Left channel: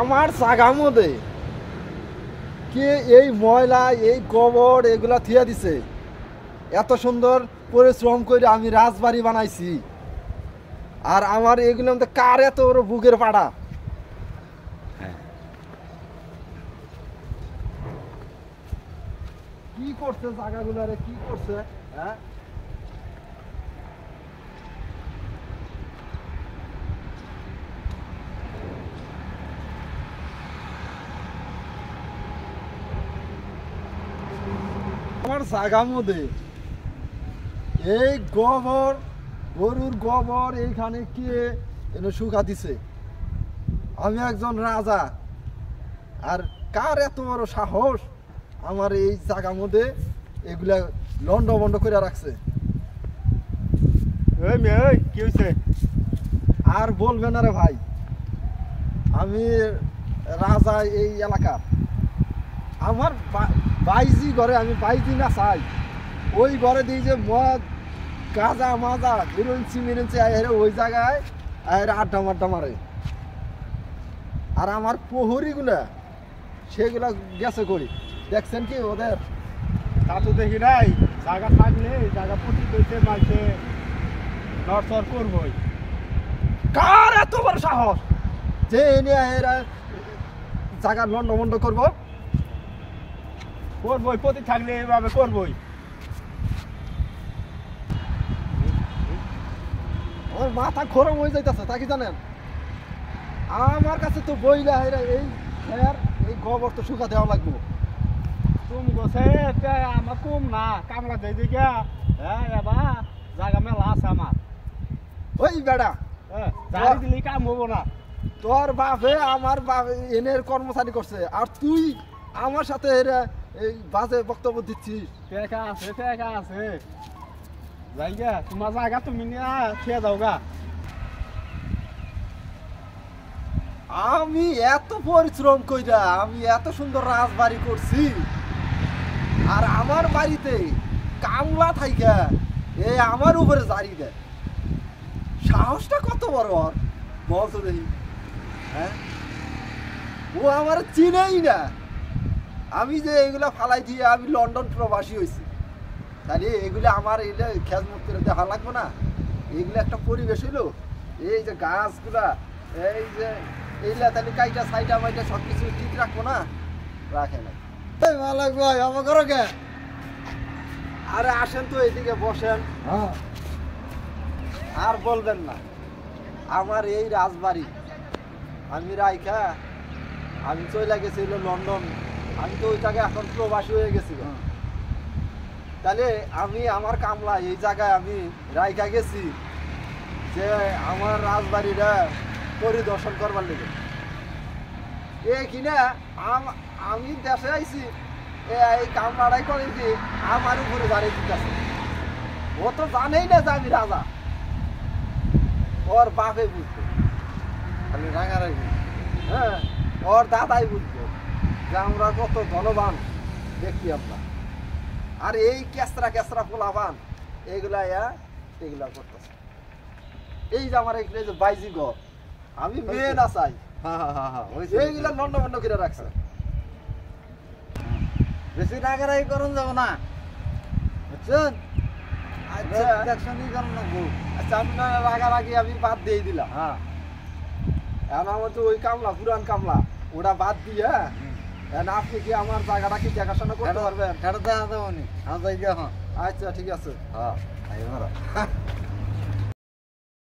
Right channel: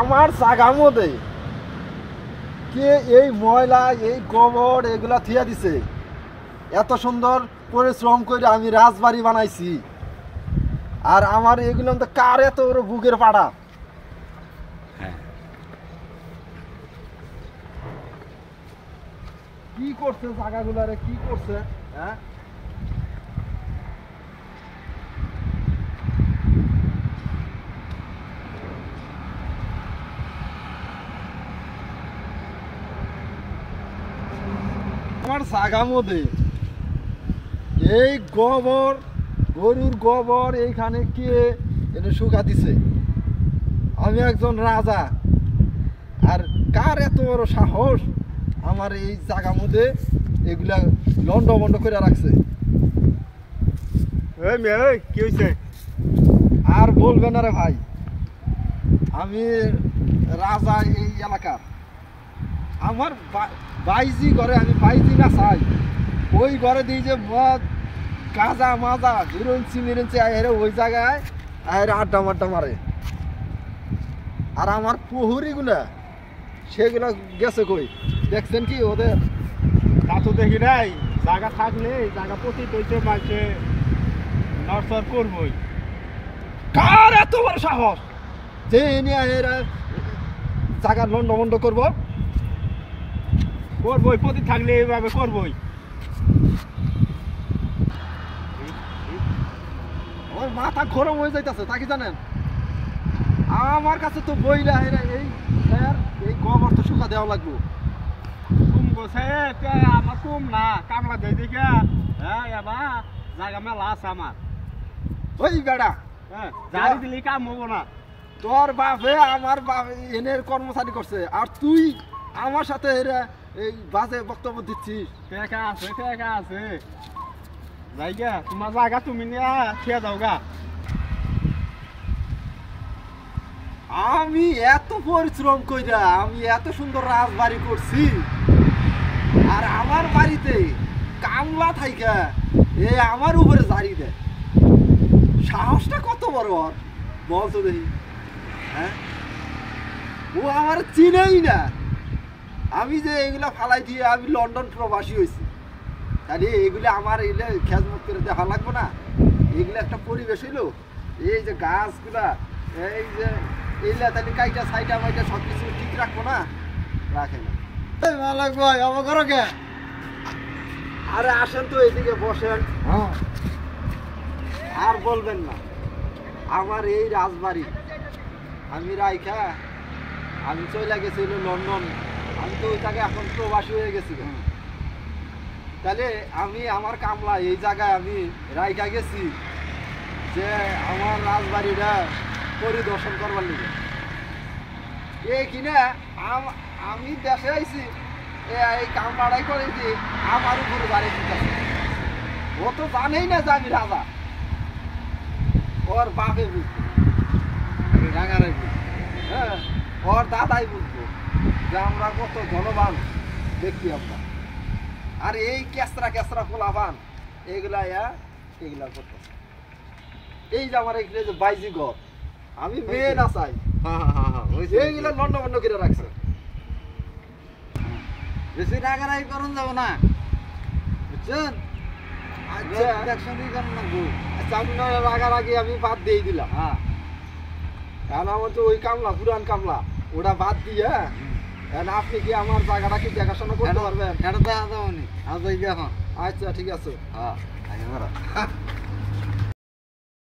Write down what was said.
আমার জায়গার মধ্যে কে এই ময়লা এই গোবর এগুলা থিয়া দিছে? এত সুন্দর পরিশ্রম করে আমি রাজবাড়ি বানাইছি, আর আমার এগুলো তো কার এত বড় বুকের পাড়া? কি করছে জায়গাগুলারে, কি করছে? হ্যাঁ, আমার জায়গার মধ্যে এই গোবর, গরুর গোবর এইখানে কে এটা শুকা দিছে? আমি একজন রাজা, আর কার এত বড় সাহস আমার এই জায়গার মধ্যে এগুলা লন্ড বন্ড করে রাখছে? কি হয়েছে? আর বলবেন না রে ভাই, আমি রাজা এই এলাকার। আমার বাইজি ঘরে আমি বাইজি না চাই, ওই ঘরে দিই যে মদ গাঁজা মাজা ঘুরেছি মেরেছি আরে ওই জায়গায় আরে আড্ডা মাড্ডা মারে। আর আমার প্রহরীগুলা সেগুলা গেছে কই? দেখছেন কি ওদের? তা তো দেখি নাই। জায়গা থাকলে জায়গা প্রতি দইতে মাঝে নড়চড় করবই। কার এত বড় সাহস যে এনে এরা জায়গা লন্ড বন্ড করবো? করবই, প্রতি থাকলে এইভাবে করবই। ওর মাথা গরম হয়ে যাইতেছে, তা কি জানেন? আমার কাছে তো বইলা এরা এই গোবর তো শুকা দেওয়া লাগবো। কুম গছে আমার কুম না কামলা দেয় দিকে। হ্যাঁ, এবার জায়গা মেলা আছে আমার। ওই বেড়া, হ্যাঁ, জারি দিলে কাম হবো না। তোর বাপে আমার বাপ এনের কর্মচারী করছে, আর তুই আমার সাথে এরা এই বাজে বক্তব্য দিচ্ছিস? টেকা আছে জায়গা তোমার জায়গা তুমি নিয়ে খেয়ে যাও গা। আমি এত পরিশ্রম কইরা আমি এত সুন্দর রাজবাড়ি করছি, আর আমার বাড়িতে কামলা থাইকা এ আমার উপরে জারি দেয়। সাহসটা কত বড় ওর, বলতো দেখি। হ্যাঁ, ও আমার চিনেই না। আমি যে এইগুলা ফালাই দিয়ে আমি লন্ডন প্রবাসী হয়েছি, তাহলে এগুলো আমার এগুলো খেজমত করে দেখা লাগবো না? এগুলো একটা পরিবেশ হইলো। এই যে গাছগুলা, এই যে এইগুলা তাহলে কাইটা সাইটা মাইটা সব কিছু ঠিক রাখবো না? রাখে না। মালাক ভাই, আমার ঘর কে? আরে আসেন তো এইদিকে বসেন। আর বলবেন না, আমার এই রাজবাড়ি আমি রাইখা আমি চলে গেছি লন্ডন। আমি তো ওই জায়গায় এখন প্রবাসী হয়ে গেছি। তাহলে আমি আমার কামলা এই জায়গায় আমি রাইখা গেছি যে আমার রাজবাড়িটা পরিদর্শন করবার লেগে। এ কিনা আমি দেশে আইছি, এই কামলাটাই করেছি আমার উপরে দাঁড়িয়ে দিতেছে। ও তো জানেই না যে আমি রাজা। ওর বাপে বুঝতো, আমি রাঙারাই বুঝতো। হ্যাঁ, ওর দাদাই বুঝতো যে আমরা কত ধনবান ব্যক্তি আমরা। আর এই কেসরা পোলাবান এগুলা করতেছে। এই যে আমার এখানে যে বাইজি ঘর, আমি মেয়ে না চাই, এইগুলা লন্ড বন্ড করে রাখছে। বেশি রাগারাগি করুন যাবো না, বুঝছেন? আচ্ছা, আপনার রাগারাগি আমি বাদ দিয়ে দিলাম। হ্যাঁ, এখন আমার তো ওই কামলা, পুরান কামলা, ওটা বাদ দিয়ে এখন আপনি কি আমার জায়গাটা কি দেখাশোনা করতে পারবেন? এটা তো আছে। আচ্ছা, ঠিক আছে। হ্যাঁ,